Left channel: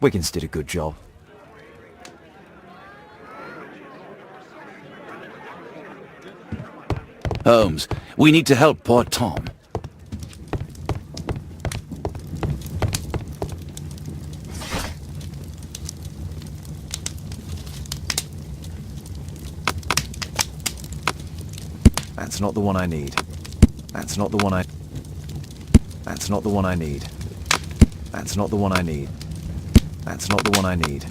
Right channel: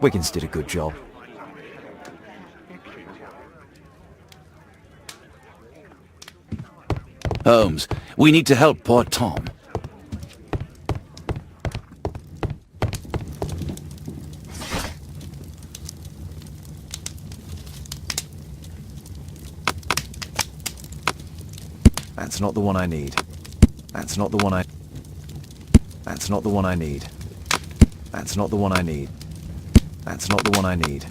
Wiggins did a good job. Holmes, we need to help poor Tom. That's not the one I need. That's not the one I... That's not the one I need. That's not the one I need. That's not the one I need.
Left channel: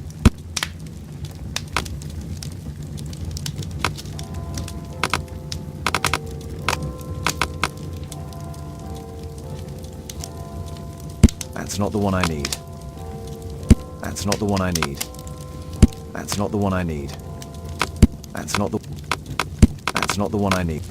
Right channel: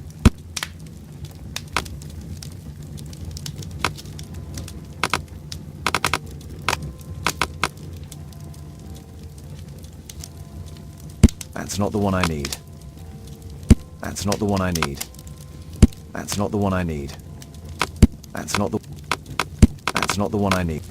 That's not the one I need. That's not the one I need. That's not the one I need. That's not the... That's not the one I need.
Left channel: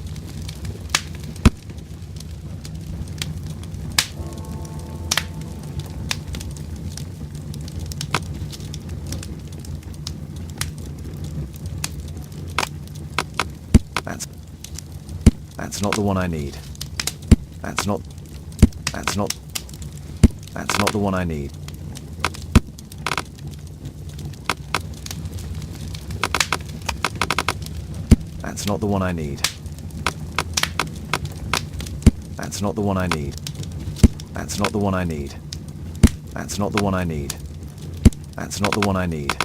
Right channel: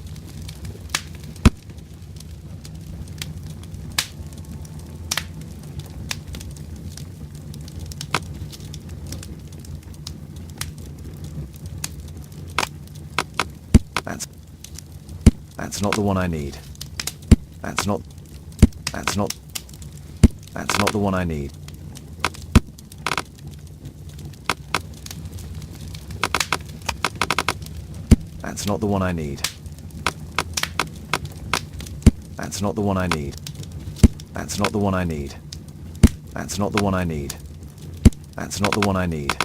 That's not the one I need. That's not the one I need. That's not the one I need. That's not the one I need. That's not the one I need. That's not the one I need.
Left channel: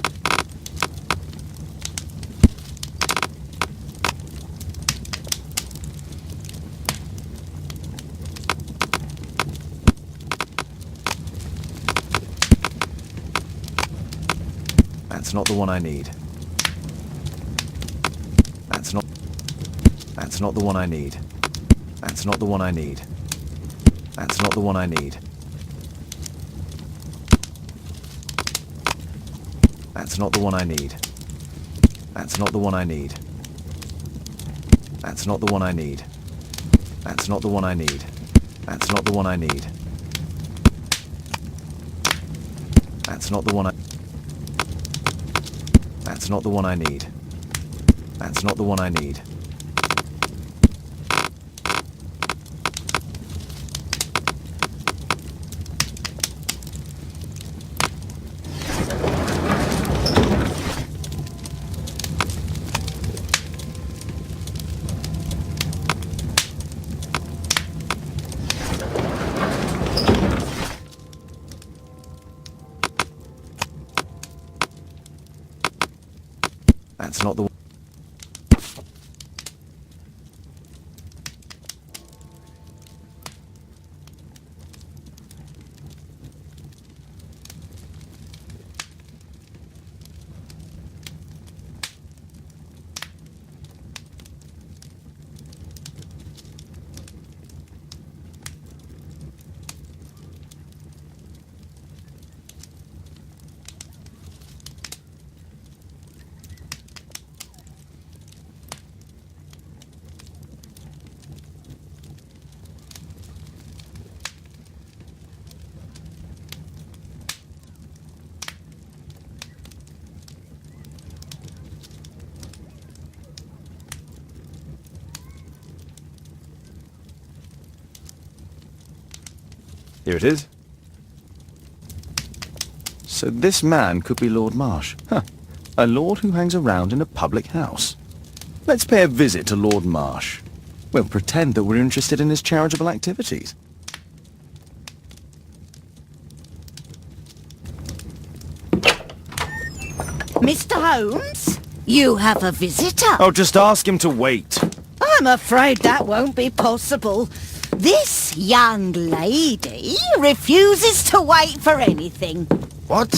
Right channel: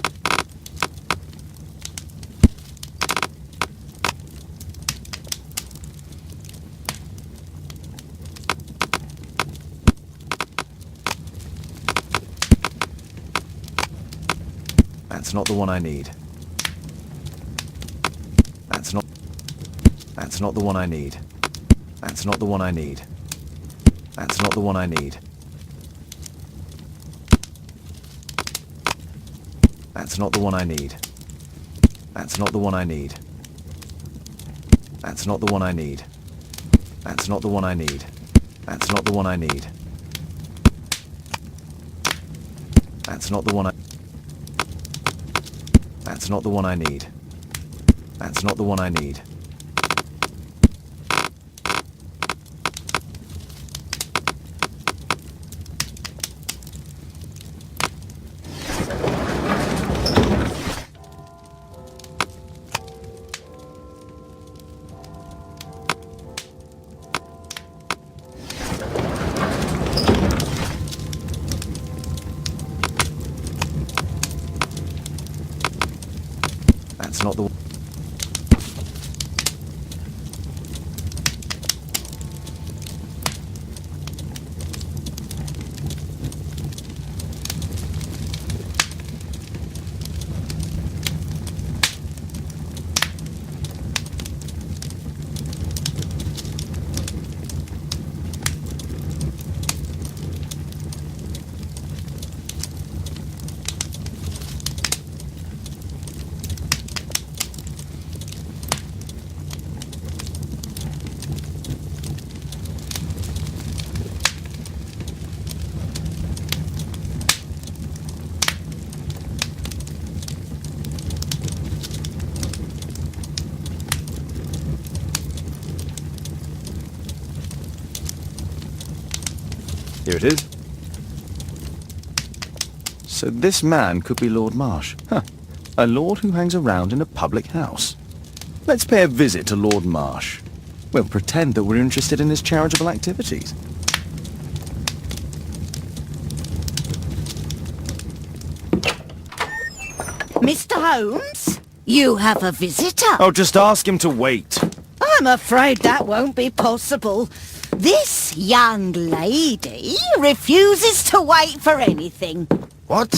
That's not the one I need. That's not the one I need. That's not the one I need. That's not the one I need. That's not the one I need. That's not the one I need. That's not the one I need. That's not the one I need. That's not the one I need. That's not the one I need. That's not the one I... That's not the one I need. That's not the one I need. That's not the one. Here it is. So this man could be Lord Marsh. Huh. A lord who hangs around in a public house. Let's pay a visit to Lord Marsh. We'll pretend that we're interested in his charitable activities. Mr. Holmes, you have a visitor. Oh, just ask him to wait. I'm afraid that won't be possible. This young lady refuses to wait for anything. What?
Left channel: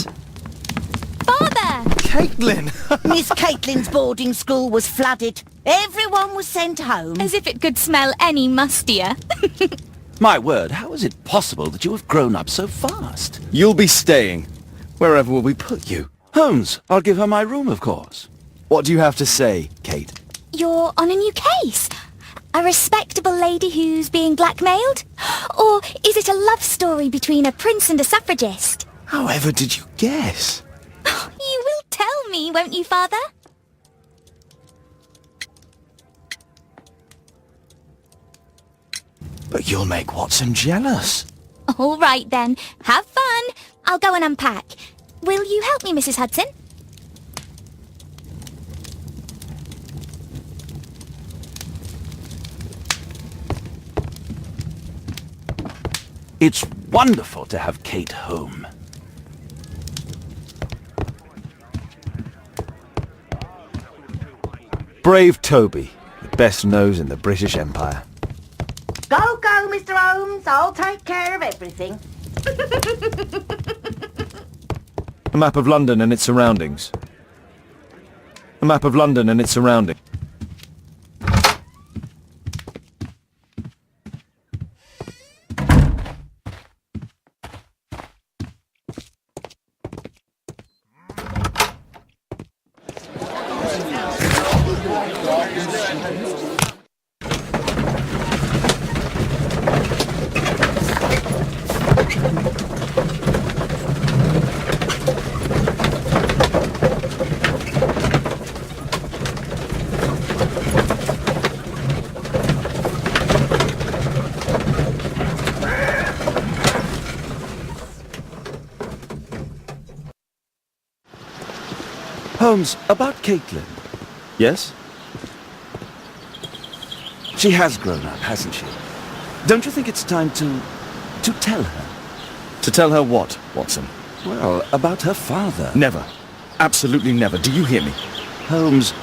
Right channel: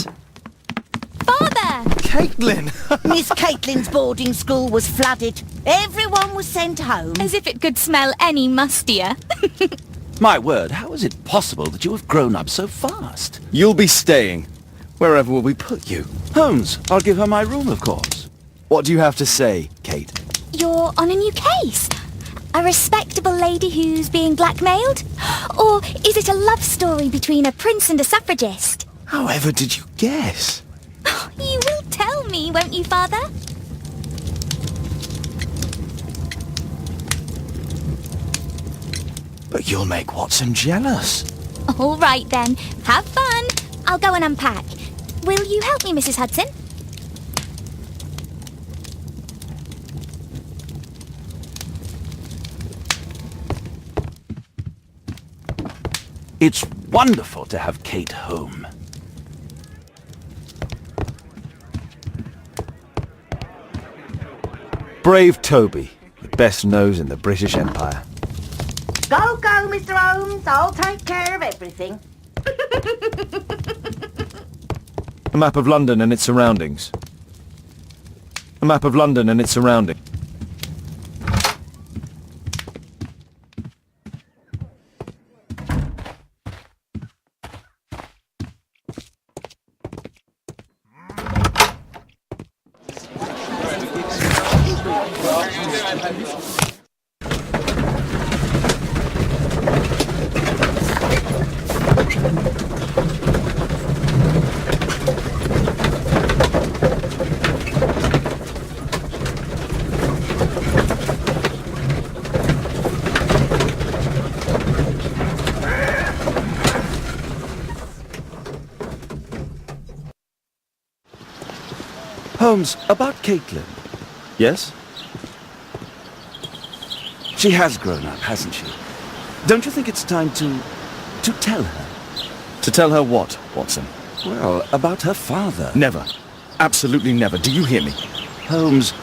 Father! Caitlin! Miss Caitlin's boarding school was flooded. Everyone was sent home. As if it could smell any mustier. My word, how is it possible that you have grown up so fast? You'll be staying. Wherever will we put you? Holmes, I'll give her my room, of course. What do you have to say, Kate? You're on a new case. A respectable lady who's being blackmailed? Or is it a love story between a prince and a suffragist? However did you guess? You will tell me, won't you, Father? But you'll make Watson jealous. All right then. Have fun. I'll go and unpack. Will you help me, Mrs. Hudson? It's wonderful to have Kate home. Brave Toby, the best nose in the British Empire. Go, go, Mr. Holmes. I'll take care of everything. A map of London and its surroundings. A map of London and its surroundings. Holmes, about Caitlin. Yes? She has grown up, hasn't she? Don't you think it's time to tell her? To tell her what, Watson? Well, about her father. Never. Absolutely never. Do you hear me? Holmes,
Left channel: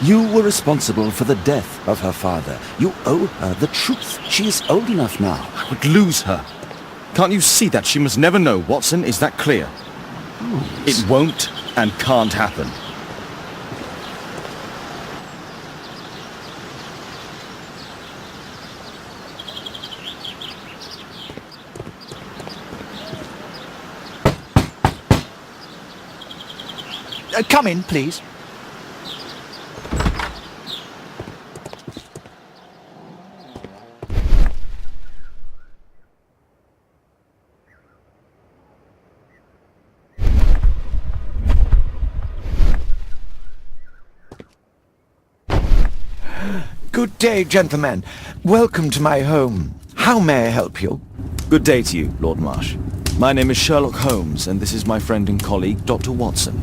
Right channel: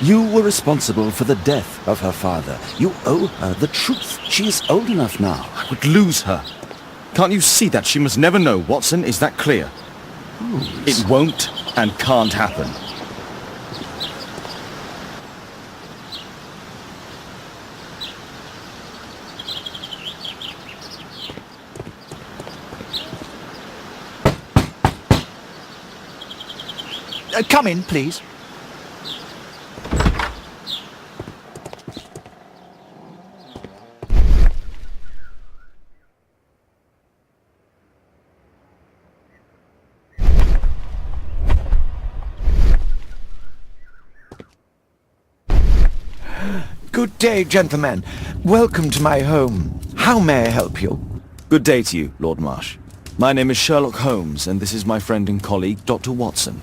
you were responsible for the death of her father. You owe her the truth. She is old enough now. I would lose her. Can't you see that? She must never know, Watson. Is that clear? Holmes. It won't and can't happen. Come in, please. Good day, gentlemen. Welcome to my home. How may I help you? Good day to you, Lord Marsh. My name is Sherlock Holmes, and this is my friend and colleague, Dr. Watson.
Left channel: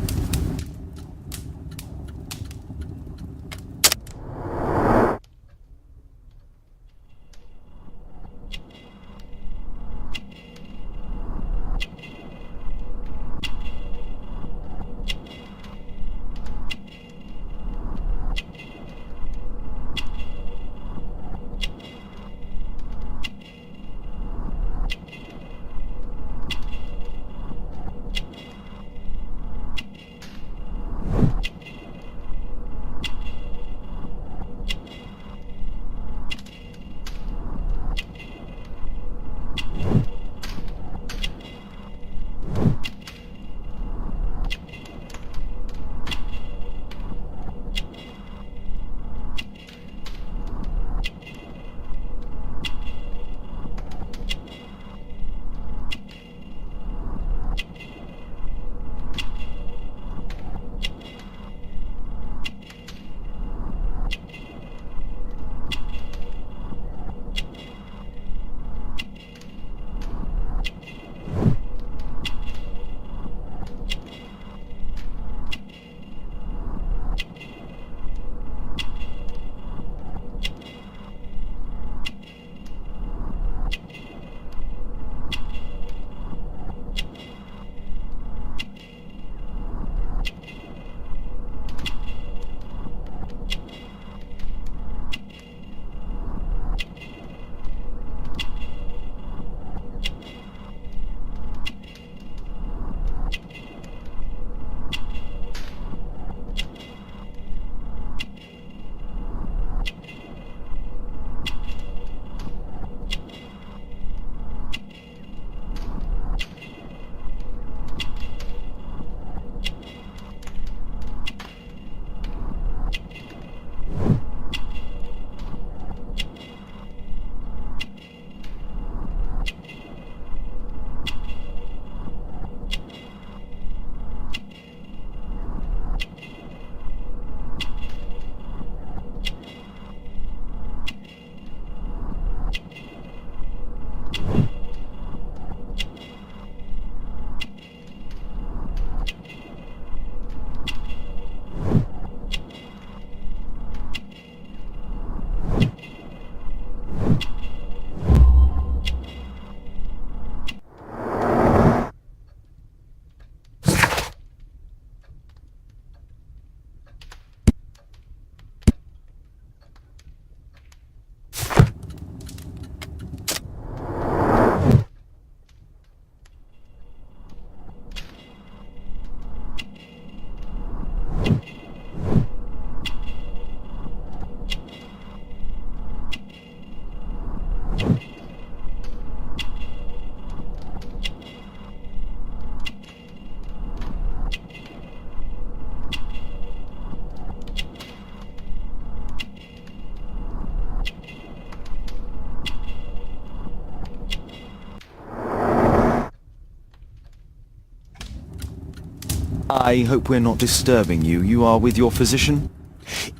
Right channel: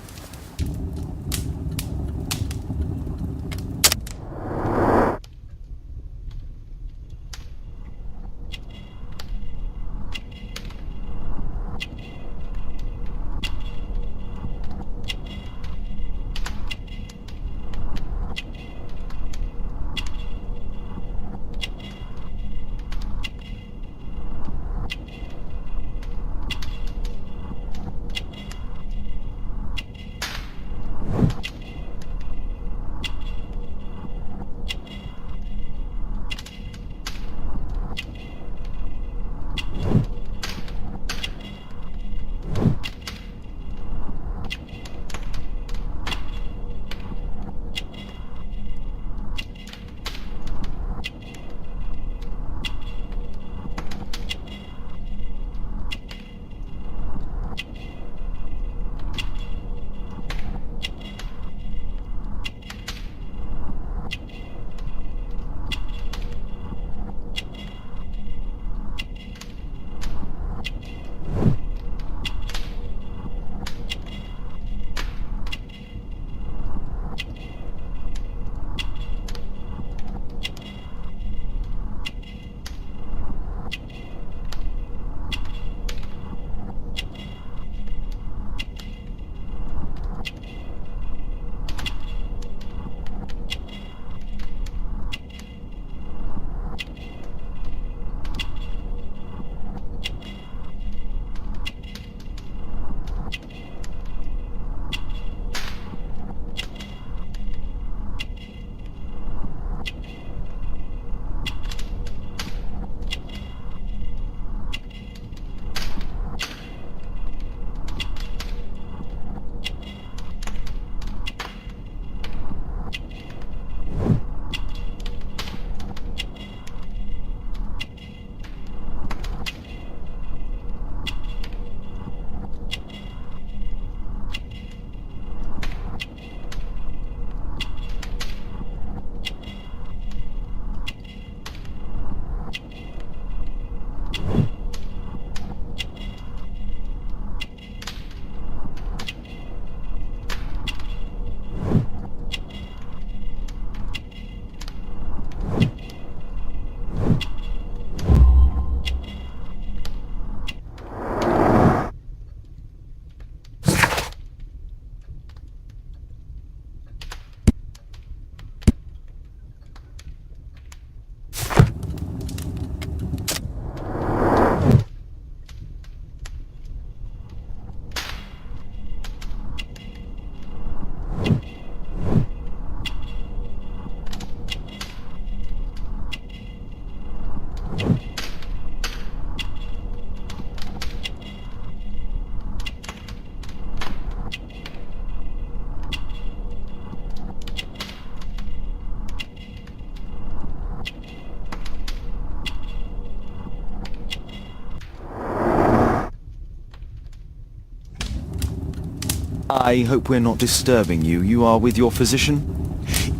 I hope we're not disturbing you. You are with your physician?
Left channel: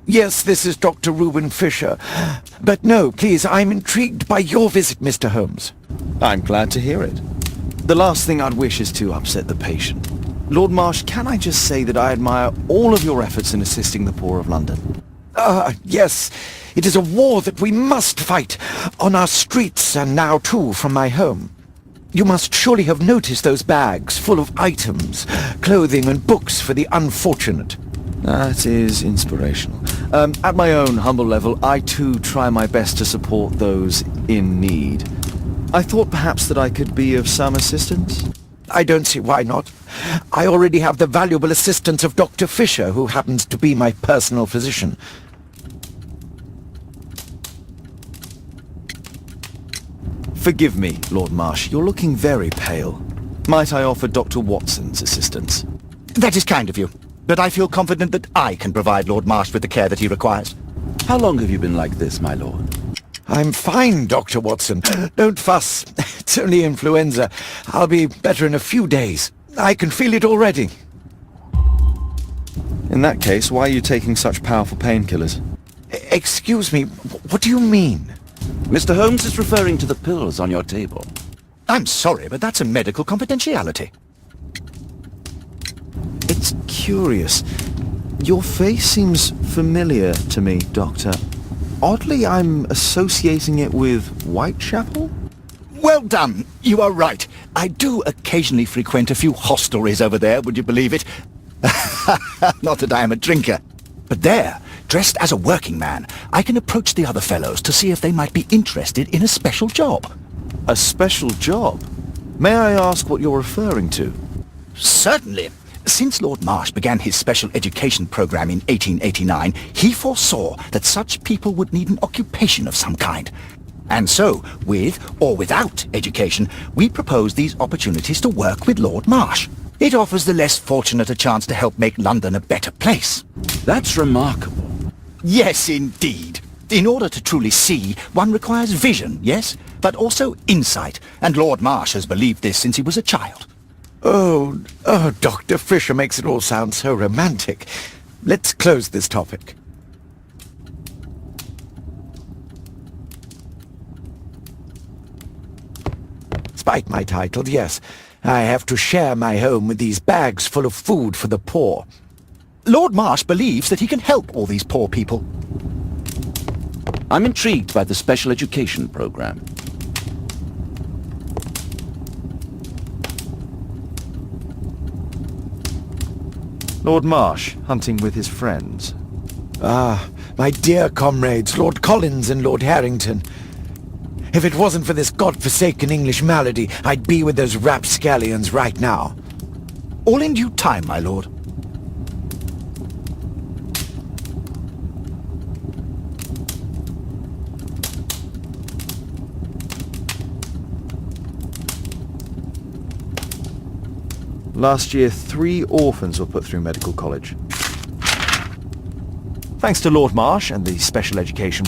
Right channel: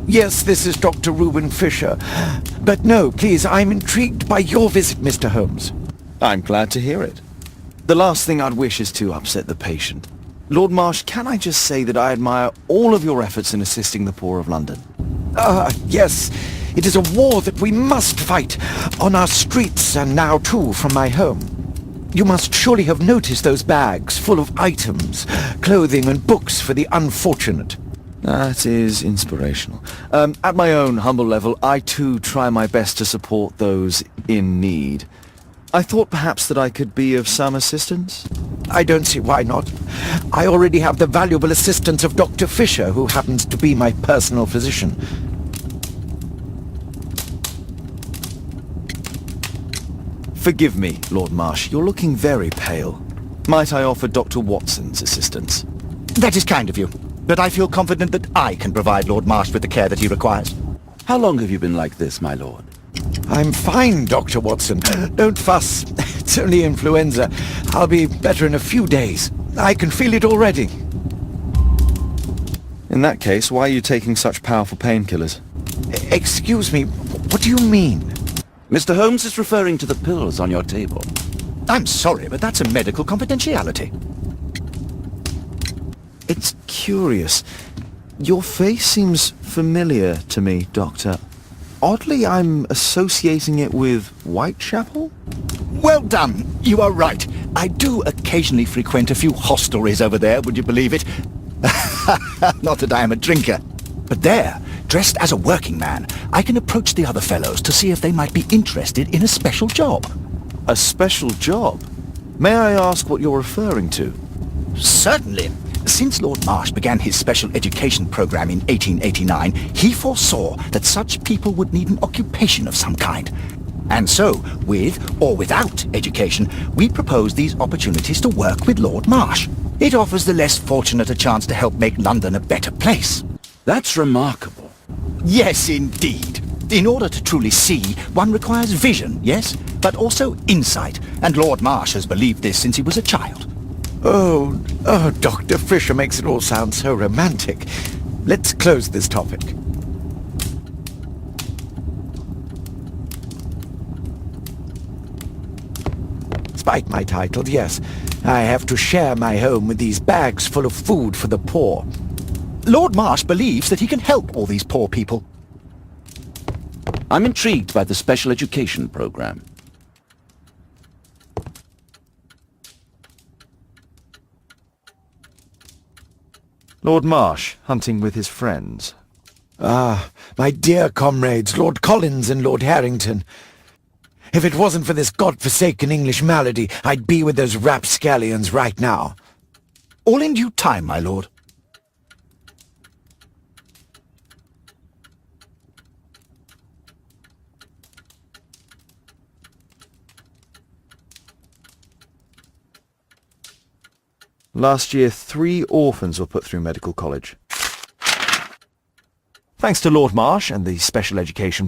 Yes, this is Dr. Reuben Fisher. But no, please, I'm intrigued by your visit, Mr. Holmes. I'm glad to hear it. The last thing I'd wish is to upset the patient. Lord Marsh, can I just say that I admire all of your efforts in assisting the poor of London? Yes. It is a war that we must fight, on our streets and now too from my home. You must surely have noticed those bags full of items, clothing and books for the unfortunate. That is inspirational. At my own humble level, I too try my best to support those in need. I thought perhaps that I could be of some assistance. I don't see why not. I already have the valuable assistance of Dr. Fisher, who happens to be my personal physician. Forgive me, Lord Marsh. You're looking very pale. Might I offer Dr. Watson's assistance? That is kind of you, but I feel confident that I can provide Lord Marsh with the care that he requires. How long have you been like this, my lord? I'm fine, Dr. Watson. Don't fuss. It's only influenza. I'll be better in a few days. I can feel it already. In that case, why are you taking such powerful painkillers? Excuse me, what do you mean? Mr. Holmes is referring to the pills on your table. I'm sorry, but that's a medical confidentiality. It's curious. Your face seems familiar to me, Doctor. Oddly, I'm associating it with Whitechapel? Well done. You are right. I do occasionally frequent a few hostelries over there, would you believe it? Not that I am a drinker. But there, dressed as a working man, I can approach the other fellows to see if they might be interested in a special job. A special job? May I ask what you're referring to? Certainly. Since Lord Marsh began his special education program in 1889, he foresaw that such people would need an occupation of some kind. And so, with or without education, we propose these opportunities to work with Lord Marsh. It offers the less fortunate a chance to help make London a better place. That's remarkable. Yes, indeed. In order to truly see, one requires vision, yes, but also insight, and Lord Marsh has believed this since he was a child. Oh, Dr. Fisher makes it all sound so romantic. Let's close this topic. Despite my title, yes, I have to share my home with these bags full of food for the poor. Lord Marsh believes that he can help all these poor people. I'm intrigued by the special education program. Lord Marsh, hunting with his friends. Ah, my dear comrades, Lord Collins and Lord Harrington. If it wasn't for this godforsaken English malady, I'd be with those rapscallions right now. All in due time, my lord. Last year, 3 orphans were put through medical college. Thanks to Lord Marsh and the special education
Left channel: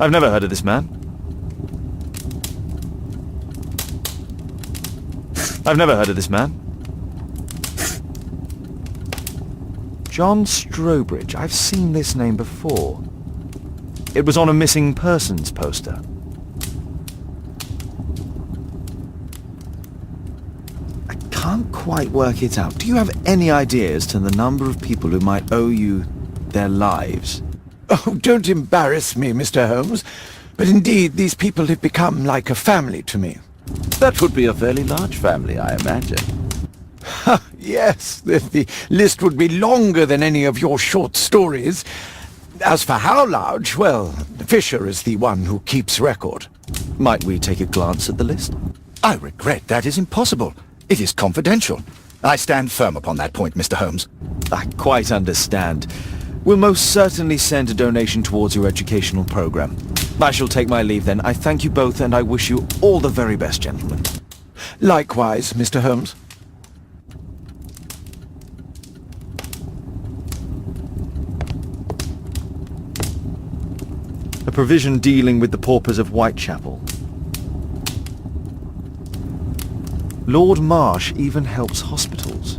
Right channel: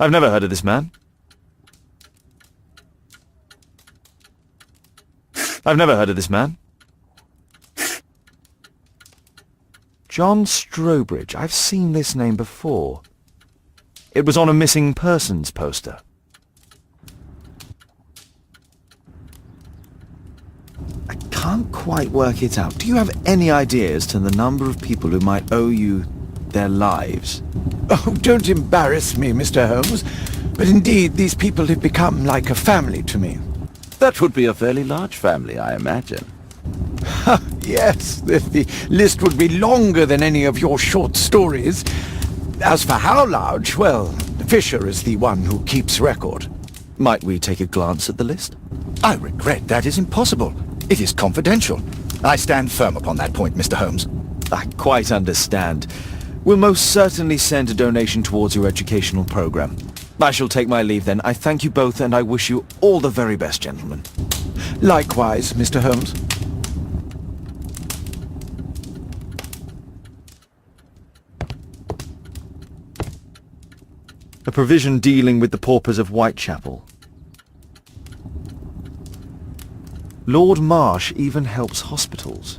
I've never heard of this man. I've never heard of this man. John Strobridge. I've seen this name before. It was on a missing persons poster. I can't quite work it out. Do you have any idea as to the number of people who might owe you their lives? Oh, don't embarrass me, Mr. Holmes. But indeed, these people have become like a family to me. That would be a fairly large family, I imagine. Yes, the list would be longer than any of your short stories. As for how large, well, Fisher is the one who keeps record. Might we take a glance at the list? I regret that is impossible. It is confidential. I stand firm upon that point, Mr. Holmes. I quite understand. We'll most certainly send a donation towards your educational program. I shall take my leave then. I thank you both and I wish you all the very best, gentlemen. Likewise, Mr. Holmes. A provision dealing with the paupers of Whitechapel. Lord Marsh even helps hospitals.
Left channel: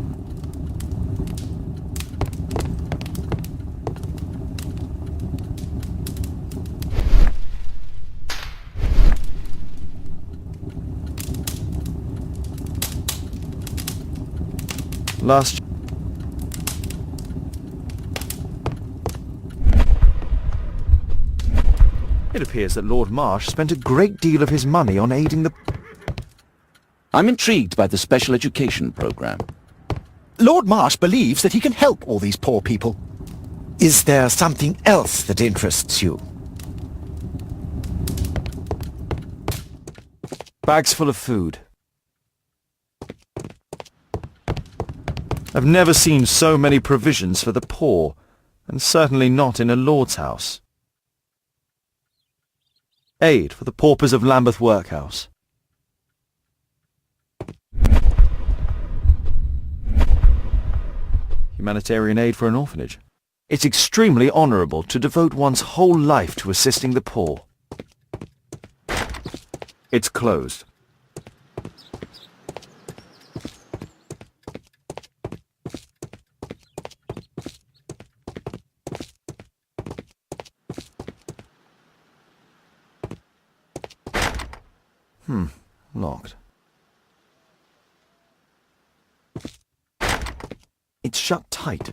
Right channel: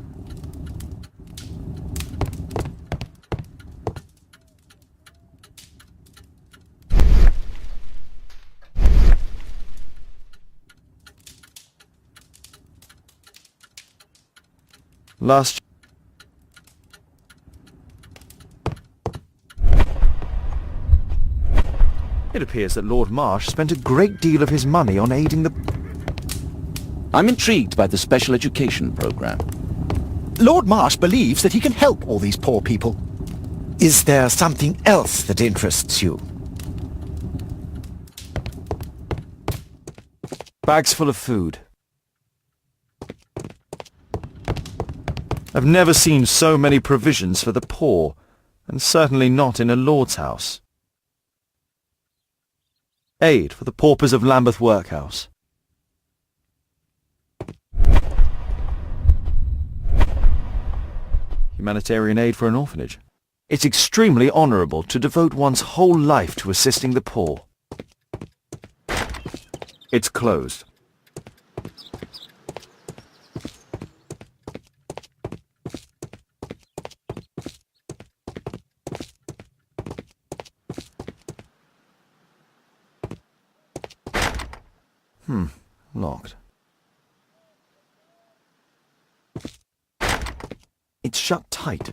Last It appears that Lord Marsh spent a great deal of his money on aiding the... I'm intrigued by the special education program. Lord Marsh believes that he can help all these poor people. Is there something else that interests you? Bags full of food. I've never seen so many provisions for the poor, and certainly not in a lord's house. Aid for the paupers of Lambeth Workhouse. Humanitarian aid for an orphanage. It's extremely honourable to devote one's whole life to assisting the poor. It's closed. Locked. It's shut tight.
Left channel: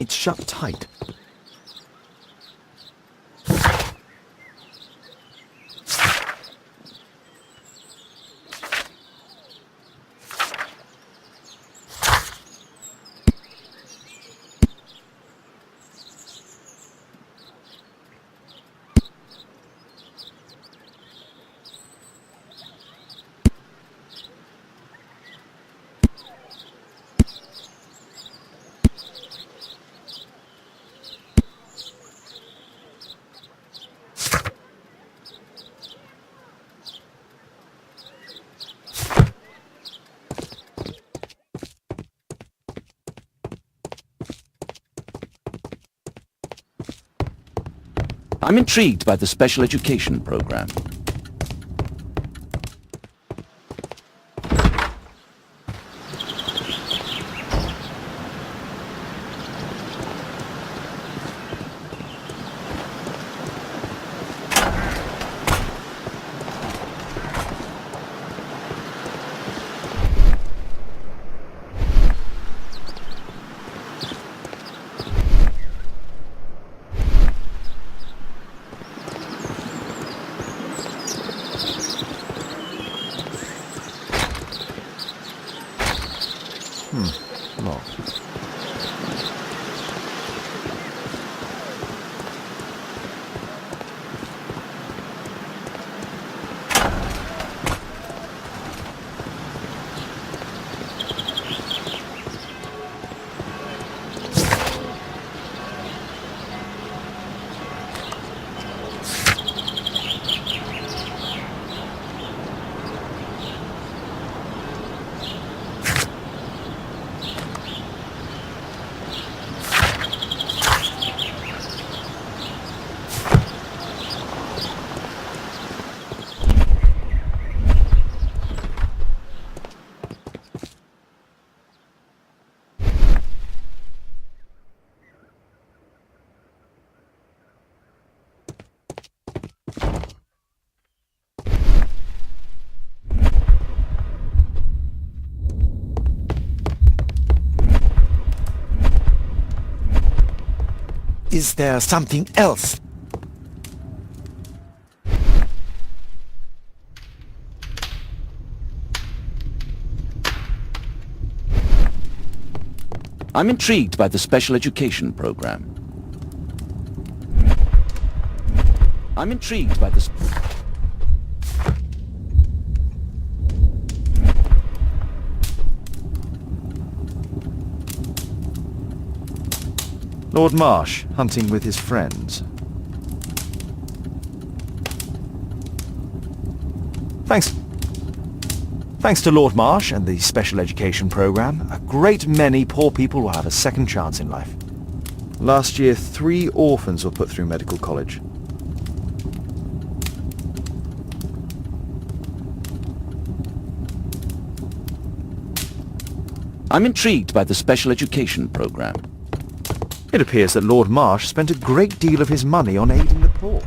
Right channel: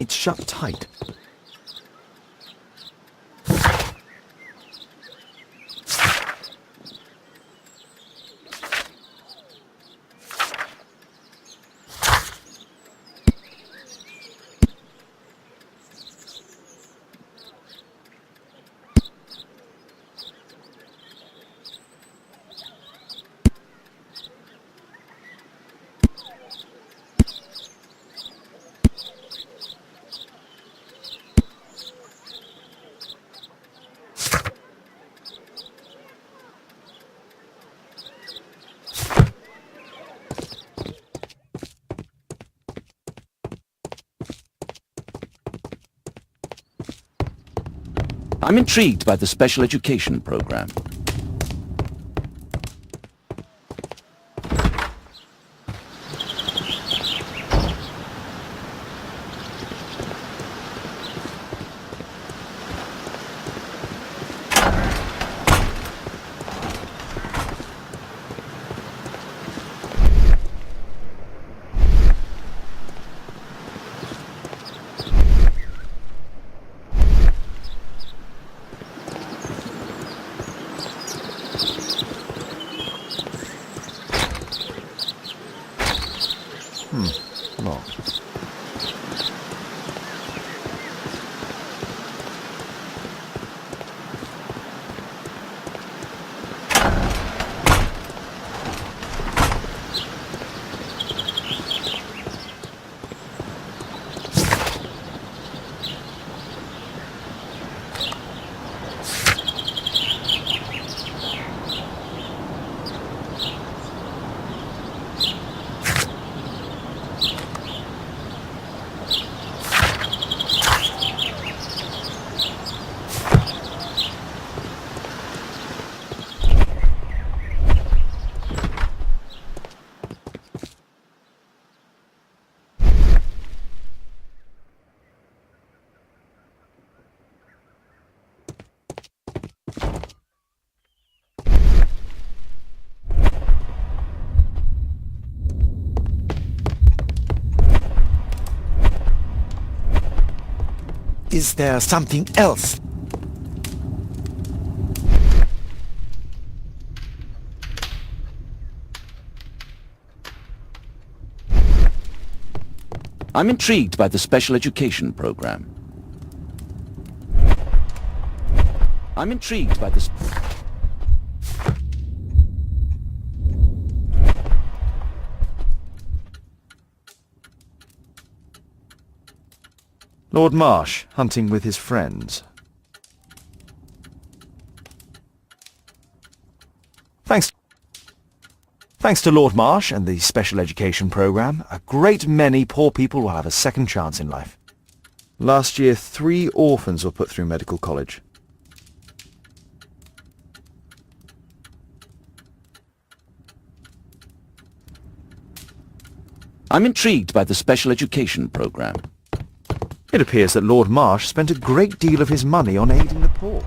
It's shut tight. I'm intrigued by the special education program. Is there something else? I'm intrigued by the special education program. I'm intrigued by the... Lord Marsh, hunting with his friends. Thanks to Lord Marsh and the special education program, a great many poor people will have a second chance in life. Last year, 3 orphans were put through medical college. I'm intrigued by the special education program. It appears that Lord Marsh spent a great deal of his money on aiding the poor.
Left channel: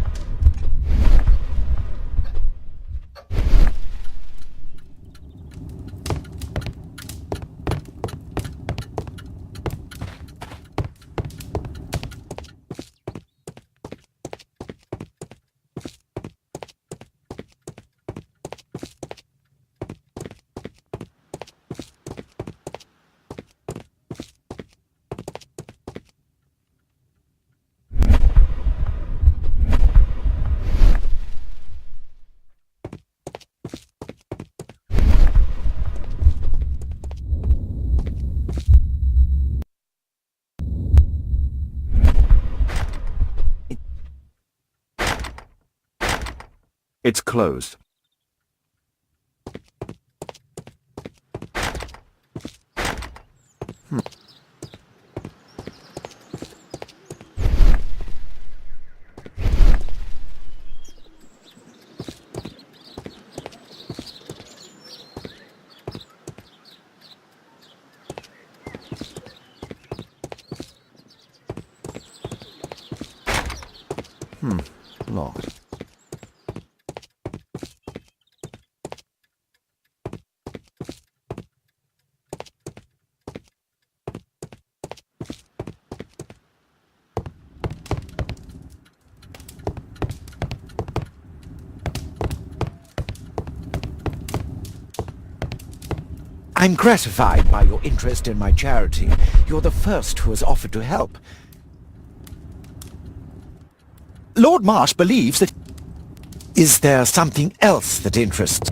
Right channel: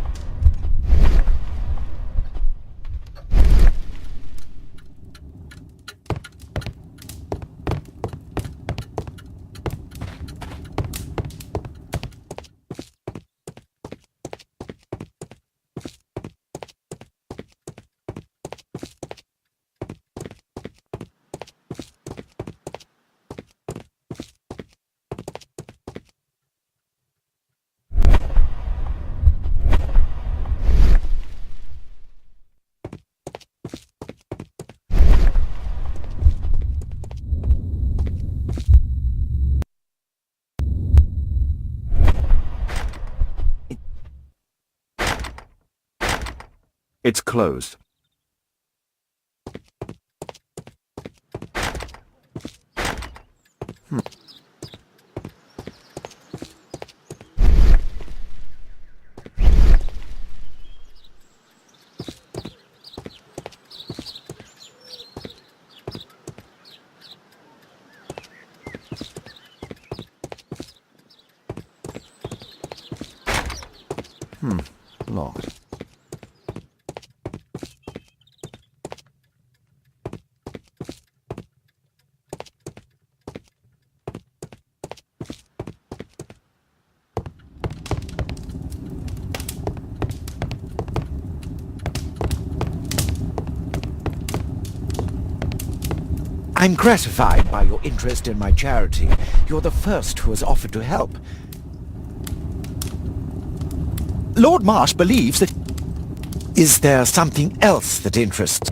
It's closed. Locked. I'm gratified by your interest in my charity. You're the first who has offered to help. Lord Marsh believes that... Is there something else that interests?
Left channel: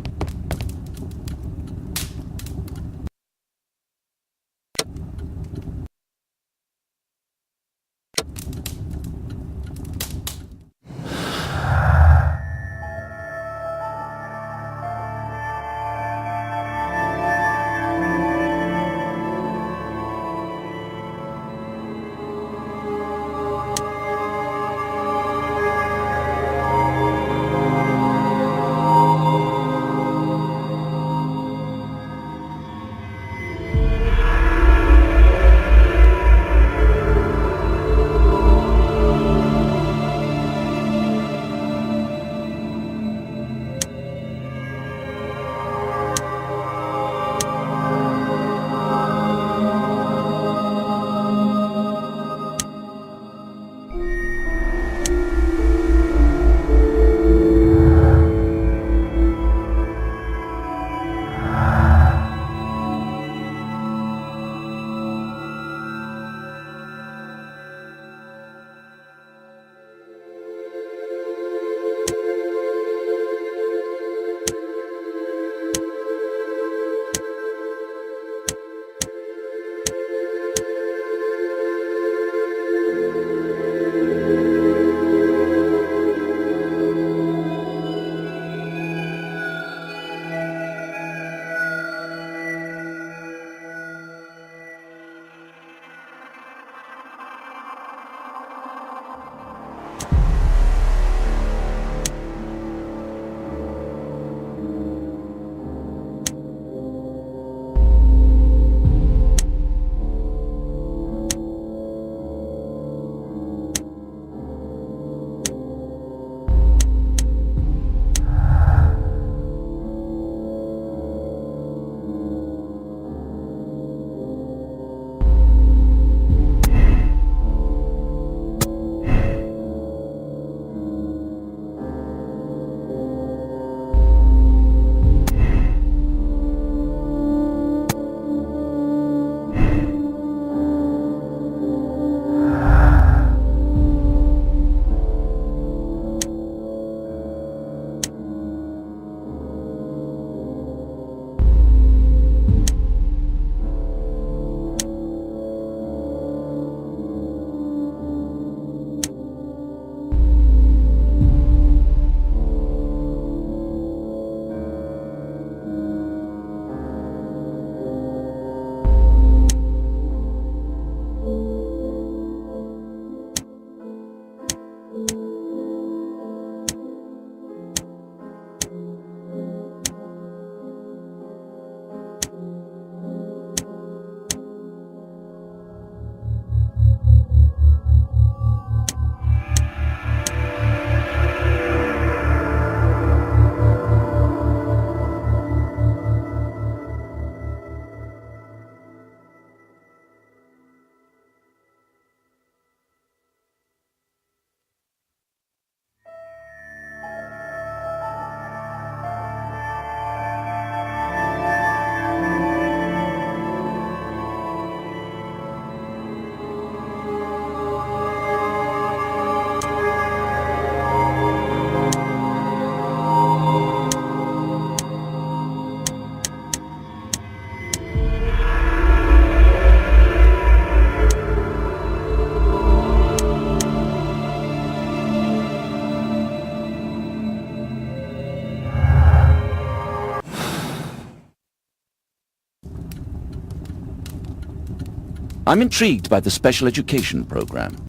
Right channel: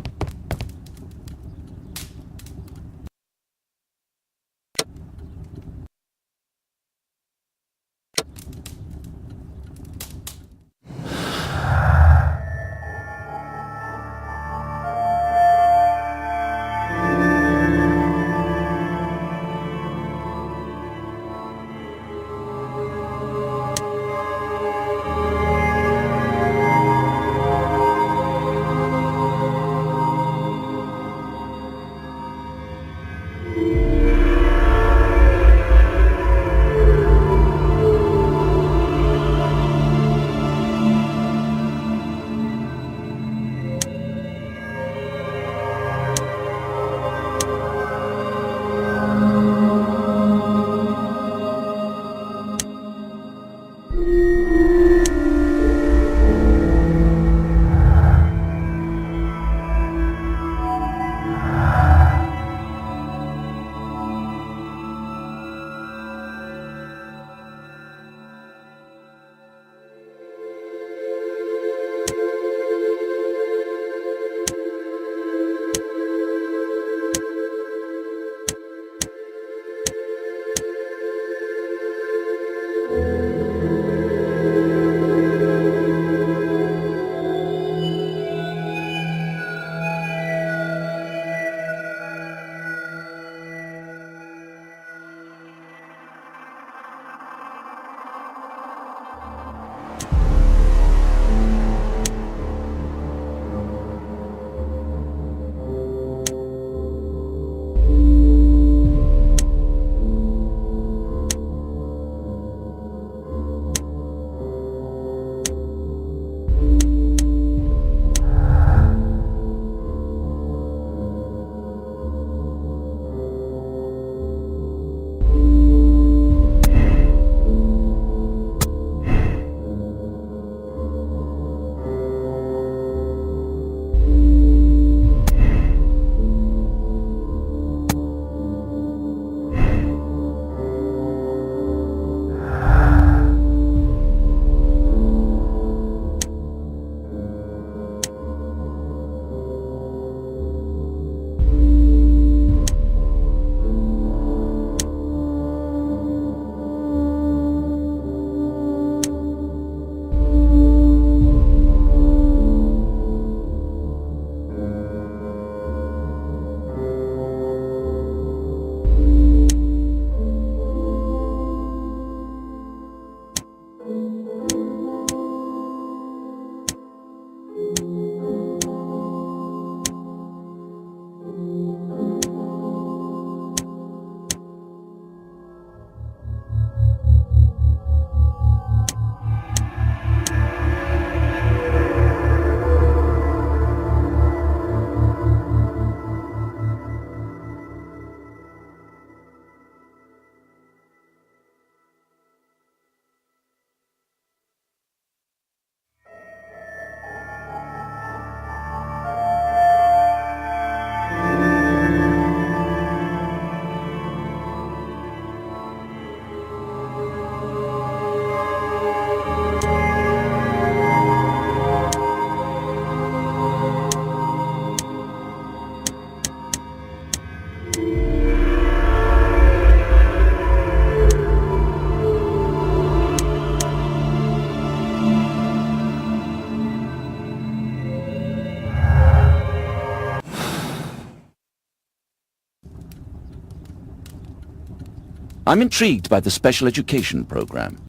I'm intrigued by the special education program.